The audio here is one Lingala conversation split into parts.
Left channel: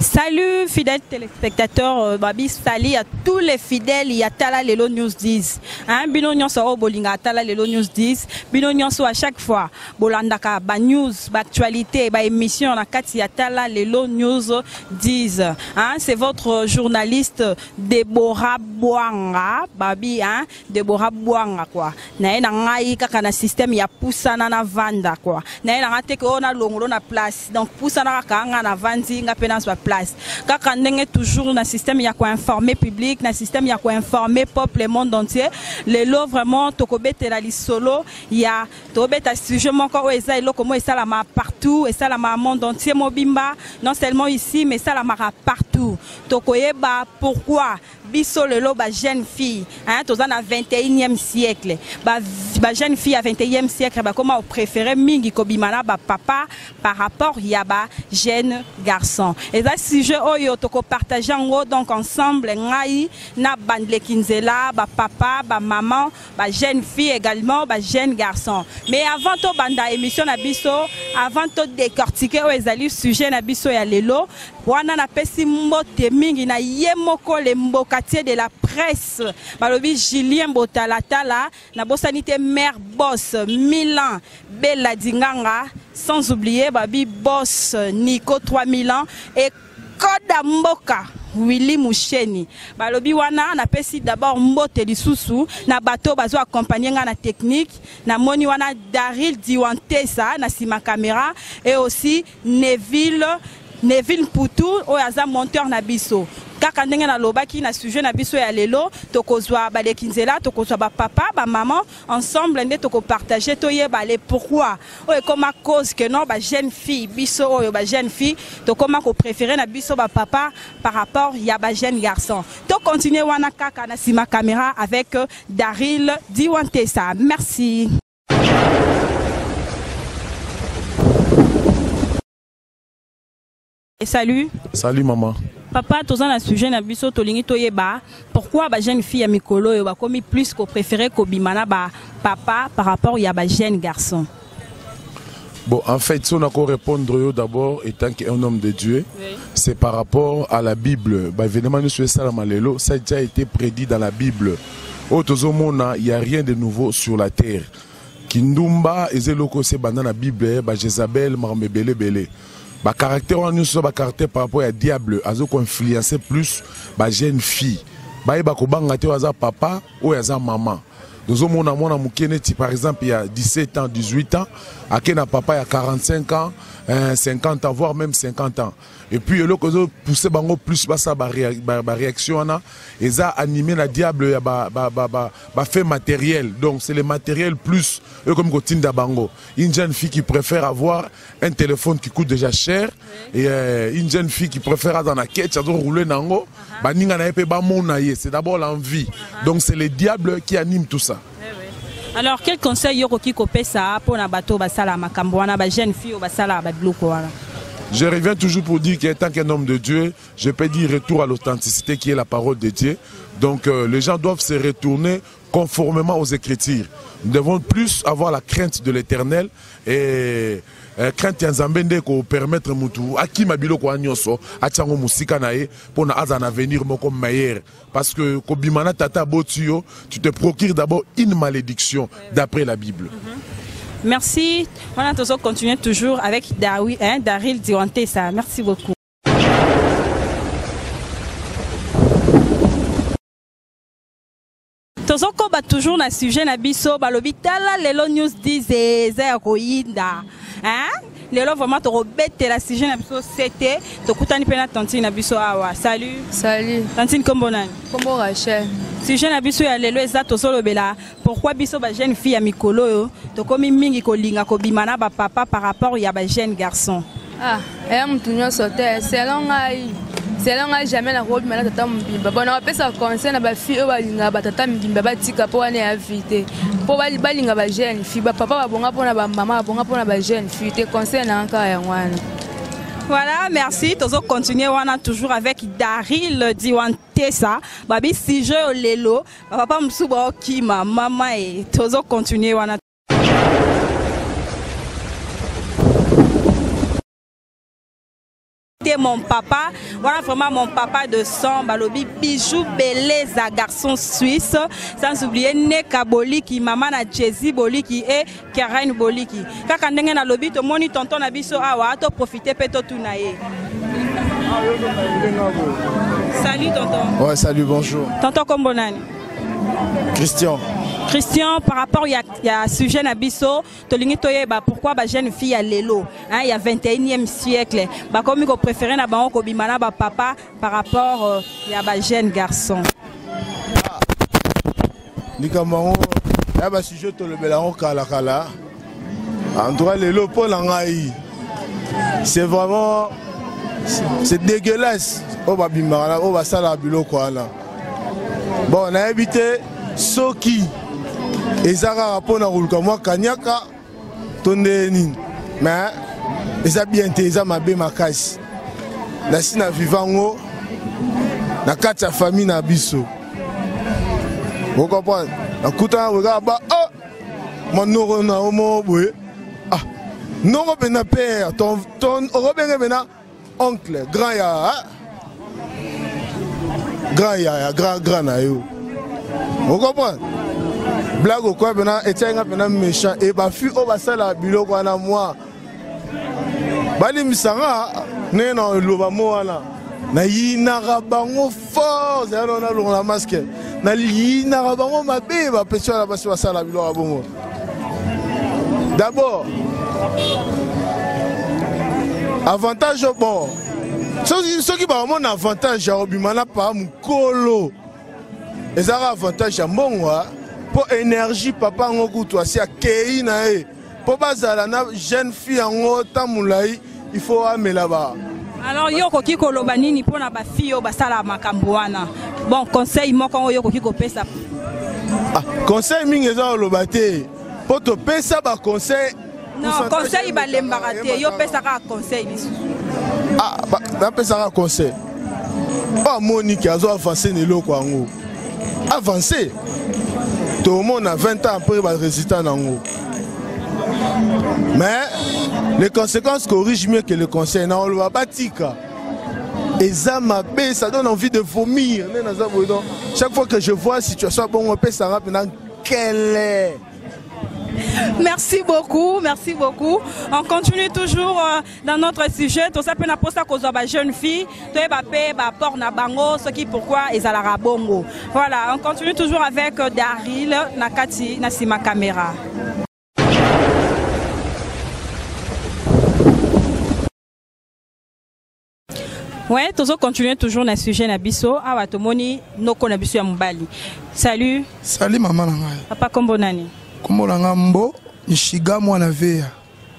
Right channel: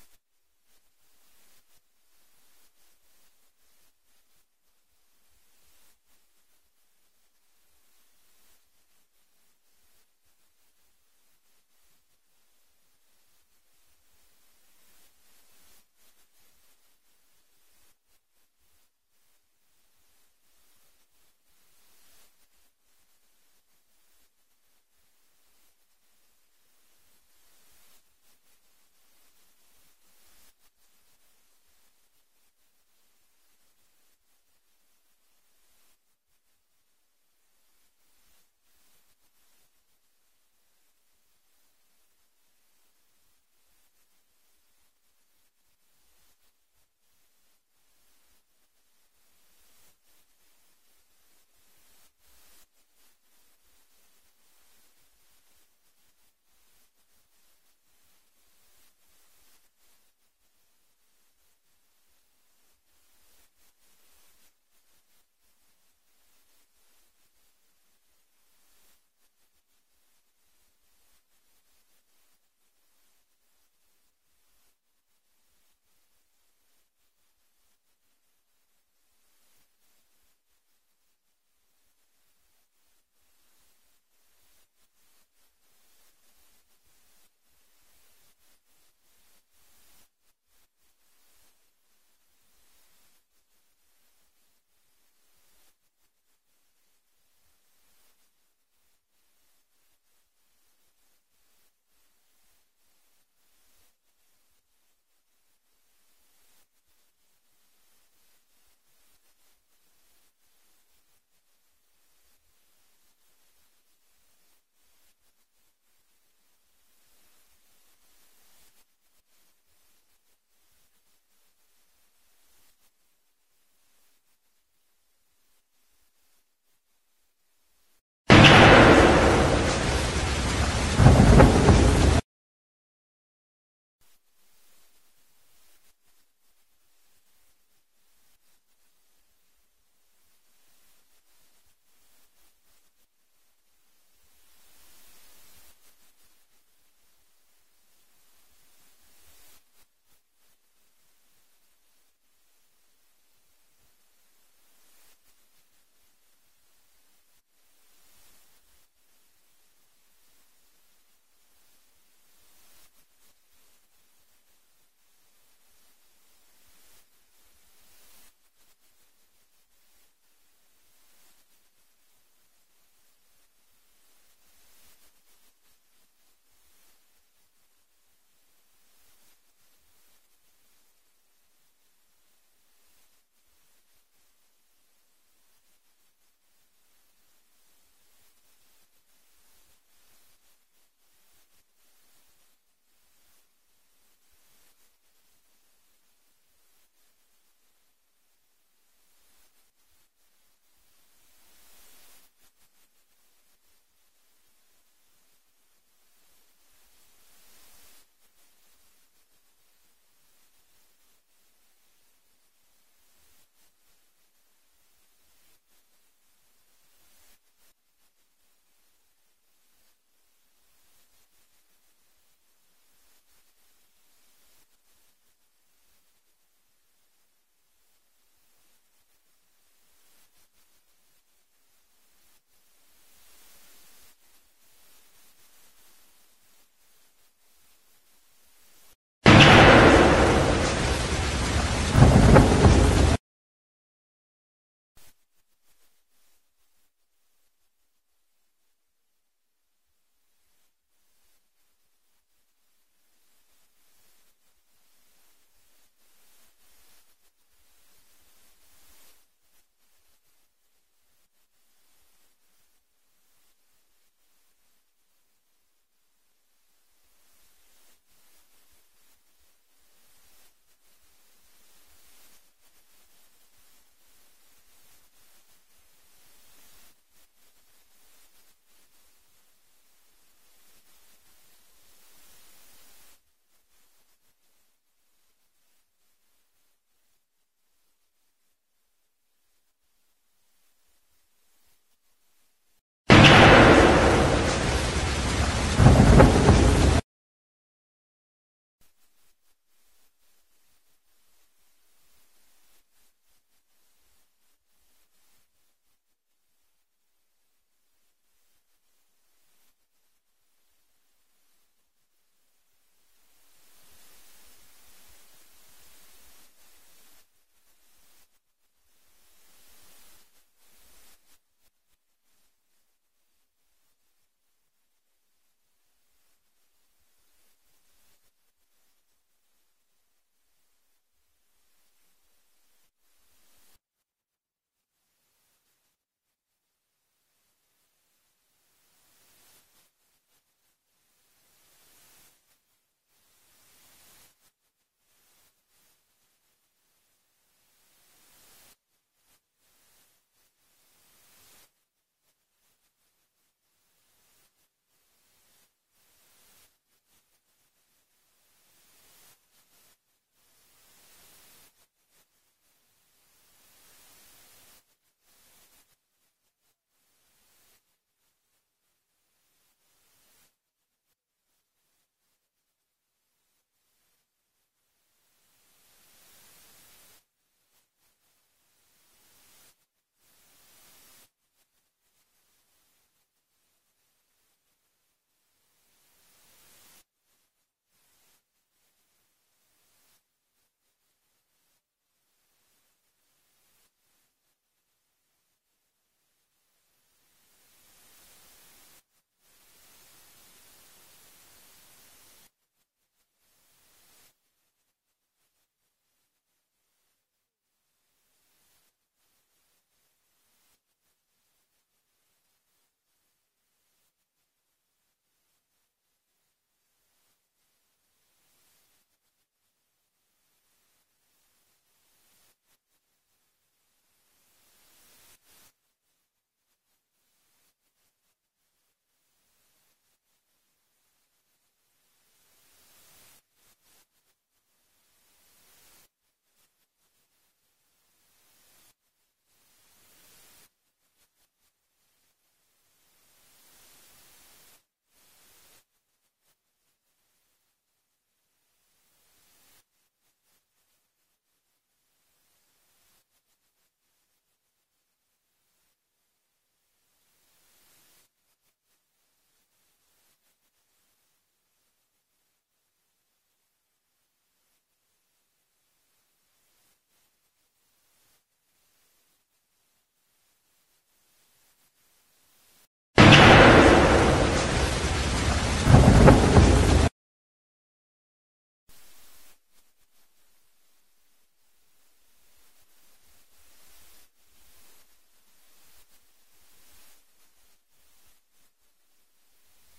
Salut fidèles téléspectateurs, Babi Sali à tous les fidèles, il y a Tala Lelo News 10. Hein, Binonion so bolinga Tala Lelo News 10. Binonion so à chaque fois bolandaka ba news, ba actualité, ba émission na kati ya Tala Lelo News 10. Hein, c'est votre journaliste Deborah Bouanga, Babi hein, Deborah Bouanga quoi. Na ena ngai kaka na système ya poussana na vanda quoi. Na ena ngate ko na longolo na place. Donc poussana kaka nga na vandi nga pena so place. Kaka ndenge toujours na système ya ko informer public, na système ya ko informer peuple le monde entier. Lelo vraiment tokobetela lisolo ya tobeta sujet moko o eza eloko mo esa la ma partout, esa la ma monde entier mobimba, non seulement ici mais ça la mara partout. Tokoyeba pourquoi biso lelo ba jeune fille hein toza na 21e siècle ba jeune fille à 21e siècle ba comment préférer mingi kobimana ba papa par rapport ya ba jeune garçon et ça sujet oyo toko partager ngo donc ensemble ngai na bandle kinzela ba papa ba maman ba jeune fille également ba jeune garçon mais avant to banda émission na biso avant to décortiquer o ezali sujet na biso ya lelo wana na pesi mbote mingi na yemoko le mboka de la presse balobi Julien Botalatala na bosanité mère boss Milan Bella Dinganga sans oublier babi boss Nico 3000 ans et Koda Mboka Willy Moucheni balobi wana na pesi d'abord mbote lisusu na bateau bazo accompagner nga na technique na moni wana Daril Diwantesa na sima caméra et aussi Neville Poutou oyaza monteur na biso kaka ndenge na lobaki na sujet na biso ya lelo tokozwa ba lekinzela tokozwa ba papa ba maman ensemble nde toko partager toyeba le pourquoi o e comme cause que non ba jeune fille biso o ba jeune fille to comment ko préférer na biso ba papa par rapport ya ba jeune garçon to continuer wana kaka na sima caméra avec Daril Diwantesa. Merci. Et salut. Salut maman. Papa, tous un sujet na biso tolingi toyeba pourquoi ba jeune fille ya mikolo yo ba komi plus ko préféré ko bimana ba papa par rapport ya ba jeune garçon. Bon, en fait, si on a qu'à répondre d'abord, étant qu'un homme de Dieu, oui. C'est par rapport à la Bible. Bah, évidemment, nous sommes Salamalelo, ça a déjà été prédit dans la Bible. Il n'y a rien de nouveau sur la terre. Kindumba, Ezeloko, c'est dans la Bible, bah, Jézabel, Marmebele, Bele. Bah, caractère, nous sommes caractère par rapport à diable, à ce qu'on influencer plus, bah, jeune fille. Bah, il y a papa ou maman. Nous avons par exemple, il y a 17 ans, 18 ans, à qui papa il y a 45 ans, 50 ans, voire même 50 ans. Et puis, il y a poussé plus la réaction, et ça animé la diable, il y a fait matériel. Donc, c'est le matériel plus, comme Gotinda Bango. Une jeune fille qui préfère avoir un téléphone qui coûte déjà cher, et une jeune fille qui préfère dans la quête, ça doit rouler nango, c'est d'abord l'envie. Donc, c'est le diable qui anime tout ça. Alors, quel conseil Yoroki Kopé ça pour la bateau basala makambouana ba jeune fille au basala ba bloko? Je reviens toujours pour dire qu'étant qu'un homme de Dieu, je peux dire retour à l'authenticité qui est la parole de Dieu. Donc les gens doivent se retourner conformément aux Écritures. Nous devons plus avoir la crainte de l'Éternel et crainte Yanzambende pour permettre mutu aki mabilo ko anyoso achango musika nae pour na azan avenir moko meilleur. Parce que kobimana tata botio, tu te procures d'abord une malédiction d'après la Bible. Merci. On a continuer toujours avec Daril Diwantesa. Merci beaucoup. Tozoko ba toujours na sujet na biso balobi Tala Lelo News 10 eza koyinda. Hein? lelo vraiment to robete la sujet na biso c'était to kutani pena tantine na biso awa. Salut. Salut. Tantine kombo nani? Kombo Rachel. Sujet na biso ya lelo eza to solo bela pourquoi biso ba jeune fille ya mikolo yo to komi mingi ko linga ko bimana ba papa par rapport ya ba jeune garçon. Ah, mutu nyonso te selon ngai jamais na kobi mana tata mbimba bona bapesa conseil na bafille oyo balinga batata mbimba batika mpo wana ya vie te mpo balinga ba jeune fille bapapa babonga mpona bamama babonga mpona ba jeune fille te conseil na nkaka yango wana. Voilà, merci. Tozo continuer wana toujours avec Daryl Diwantesa. Babi sujet au lelo. Papa msuba okima mama et tozo continuer wana. Mon papa, voilà vraiment mon papa de sang, balobi bijou beleza garçon suisse, sans oublier Neka Boliki, maman na Jezi Boliki et Karen Boliki. Kaka ndenge na lobi to moni tonton na biso awa to profiter peto tunaye. Salut tonton. Ouais, salut, bonjour. Tonton kombo nani? Christian. Christian, par rapport à sujet Nabiso, pourquoi les jeunes filles à l'élo, il y a 21e siècle, comme ils préfèrent na bango ko bimana ba papa par rapport à les jeunes garçons. Nikamango, là ba sujet to le belango kala kala. En tout cas l'élo pour l'angai. C'est vraiment c'est dégueulasse. On va bimana, on va sala bilo quoi là. Bon, on a habité Soki. Ezaka rapona ruluka mwa kanyaka tondeni mais eza bien te eza mabe makasi na sina vivango na kati ya famille na biso vous comprenez na kuta regarde ba oh monoro na omo boye ah non bena père ton robenge bena oncle grand grand na yo vous comprenez. Blague ou quoi, et tiens, un méchant, et ma fille, on va ça la bilo, quoi, na moi. Bali misanga, né dans le Lobamoana. Na yinarabango fort, c'est un la masque. Na yinarabango ma bébé, ma pétion la basse, ça la bilo à bon. D'abord, avantage au bon. Ceux qui ont un avantage, j'ai obimana par mon colo. Et ça a avantage à moi. Pour énergie papa ngoku toi si akei na e pour bazala na jeune fille en tamulai il faut amener là-bas. Alors yoko kiko loba nini pona ba fille o basala makambo wana bon conseil moko yoko kiko pesa ah conseil mingi za loba te pour te pesa ba conseil non conseil ba lembaka te yo pesa ka conseil bisu ah ba pesa ka conseil pas Monique azo avancer ne loko ngo avancer. Tout le monde a 20 ans après le résultat n'ango. Mais les conséquences corrigent mieux que le conseil. On le voit pas tika. Et ça m'a bé, ça donne envie de vomir. Chaque fois que je vois la situation, bon, on peut s'en rappeler quelle est. Merci beaucoup, merci beaucoup. On continue toujours dans notre sujet. Tout ça peut nous poser cause de jeune fille. Tout est bapé, bapor na bango, ce qui pourquoi ils à la bongo. Voilà, on continue toujours avec Daryl Nakati Nasima caméra. Ouais, toujours continuer toujours dans le sujet Nabiso. Ah, Tomoni, Noko Nabiso ya Mubali. Salut. Salut maman nanga. Papa kombo nani? Kombo nanga mbo Nishiga mwana veya.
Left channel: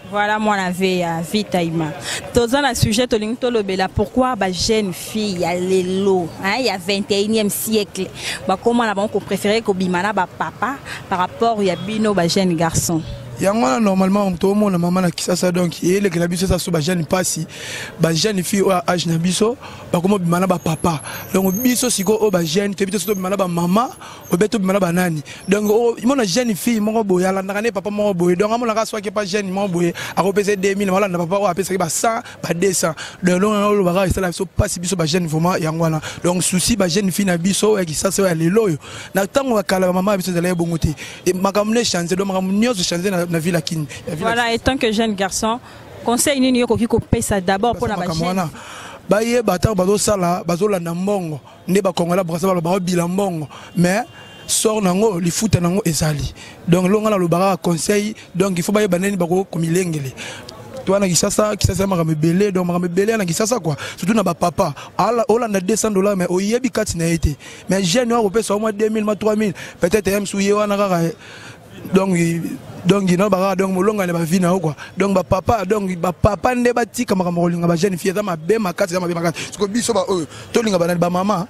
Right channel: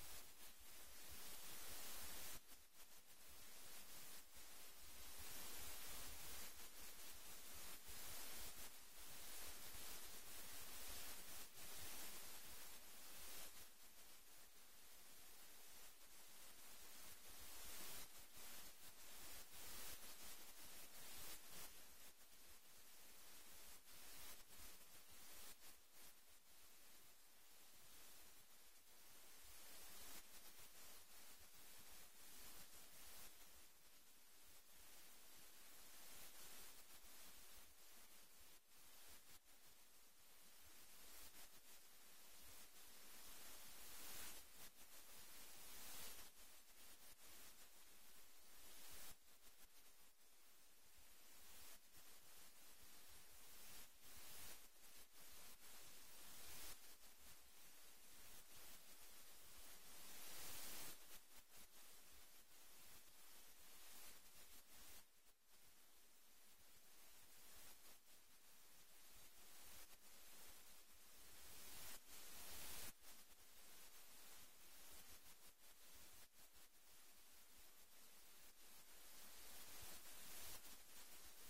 Voilà mwana veya vitaima. Toza na sujet tolingi tolobela pourquoi ba jeune fille ya lelo, hein, il y a 21e siècle. Ba comment na banko préféré ko bimana ba papa par rapport ya bino ba jeune garçon. Yango normalement tout le monde maman na kisasa donc il est que la biso ça so ba jeune passi ba jeune fille au âge na biso ba komo bimana ba papa donc biso siko o ba jeune te biso so bimana ba maman o beto bimana ba nani donc mon jeune fille mon boya la ndakane papa mon boye donc amona ka soit que pas jeune mon boye a repéser 2000 wala na papa o apesa ba 100 ba 200 donc on va ça la so passi biso ba jeune vraiment yango wana donc souci ba jeune fille na biso ya kisasa ya lelo yo na tango kala maman biso de la bongote et makamne changer donc makamne changer na ville à Kin. Voilà, et tant que jeune garçon, conseil ni yoko kiko pesa d'abord pour la jeune. Ba ye bata bazo sala bazo la mbongo ne ba kongola brasa ba bilambongo mais sort nango li futa nango ezali donc longa na lo bara conseil donc il faut ba ye banani bako komilengele toi na kisasa maka belé donc maka belé na kisasa quoi surtout na ba papa ala olanda $200 mais oyebi kati na été mais jeune wa kopesa au moins 2000 ma 3000 peut-être même souye wana kaka donc non ba donc molonga ne ba vie na quoi donc ba papa nde batika maka molinga ba jeune fille za mabe makati siko biso ba to linga ba maman.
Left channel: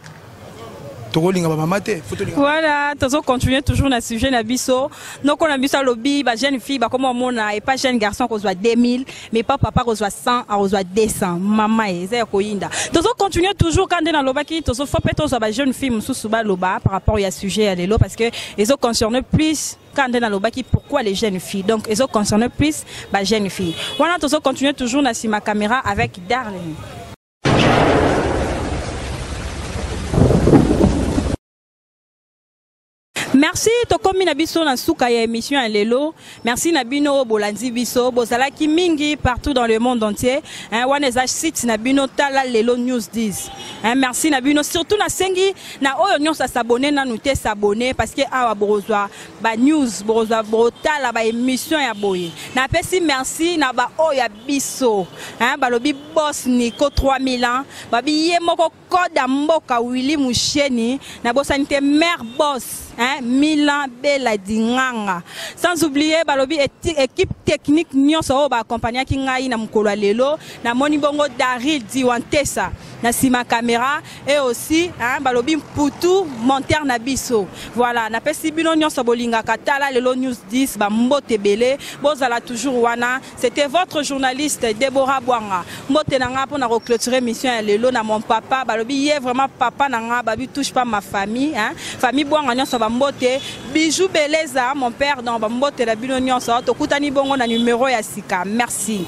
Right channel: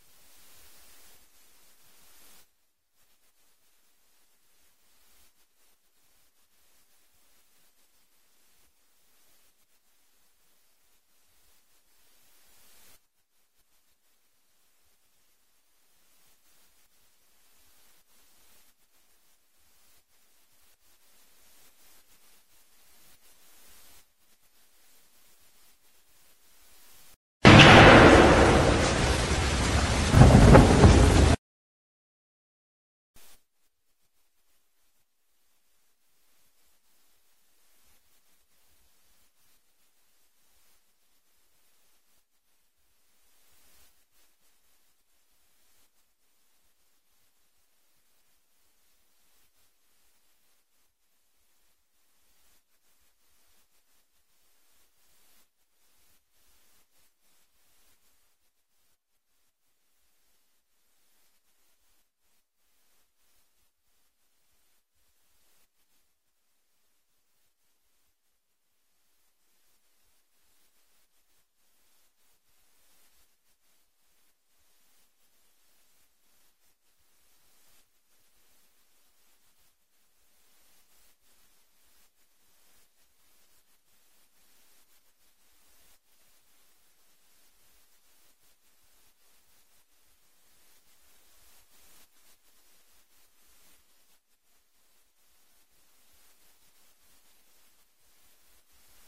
Voilà, toujours continuer toujours dans le sujet Nabiso. Donc on a vu ça lobby, bah jeune fille, bah comme on a et pas jeune garçon qu'on soit 2000, mais pas papa qu'on soit 100, on soit 200. Maman et c'est koinda. Toujours continuer toujours quand on est dans loba qui toujours faut peut-être soit bah jeune fille sous suba loba par rapport à sujet à l'élo parce que ils ont concerné plus quand on est dans loba qui pourquoi les jeunes filles. Donc ils ont concerné plus bah jeunes filles. Voilà, toujours continuer toujours dans ma caméra avec Darlene. Merci tokomi na biso na suka ya émission à lelo. Merci Nabino Bolandi biso bozala ki mingi partout dans le monde entier. Wana za site Nabino tala lelo news 10. Merci Nabino surtout na sengi na oyo nyonso s'abonner na nous te s'abonner parce que awa borozwa ba news borozwa brotala ba émission ya boye. Na pesi merci na ba oyo biso. Balobi boss Nico 3000 ans. Babi ye moko koda mboka Willy Musheni na bosanité mère boss. Milan Bela Dinganga. Sans oublier balobi équipe technique nyonso ba accompagner ki ngai na mukolo lelo na moni bongo Daryl Diwantesa na sima caméra et aussi balobi Mputu monter na biso. Voilà, na pesi bino nyonso bolinga katala lelo news 10 ba mbote belé bozala toujours wana. C'était votre journaliste Deborah Bwanga. Mbote nanga pour na reclôturer mission lelo na mon papa balobi yé vraiment papa nanga babi touche pas ma famille famille Bwanga nyonso ba mbote Bijou Beleza mon père dans ba mbote la bino nyonso to kutani bongo na numéro ya sika. Merci.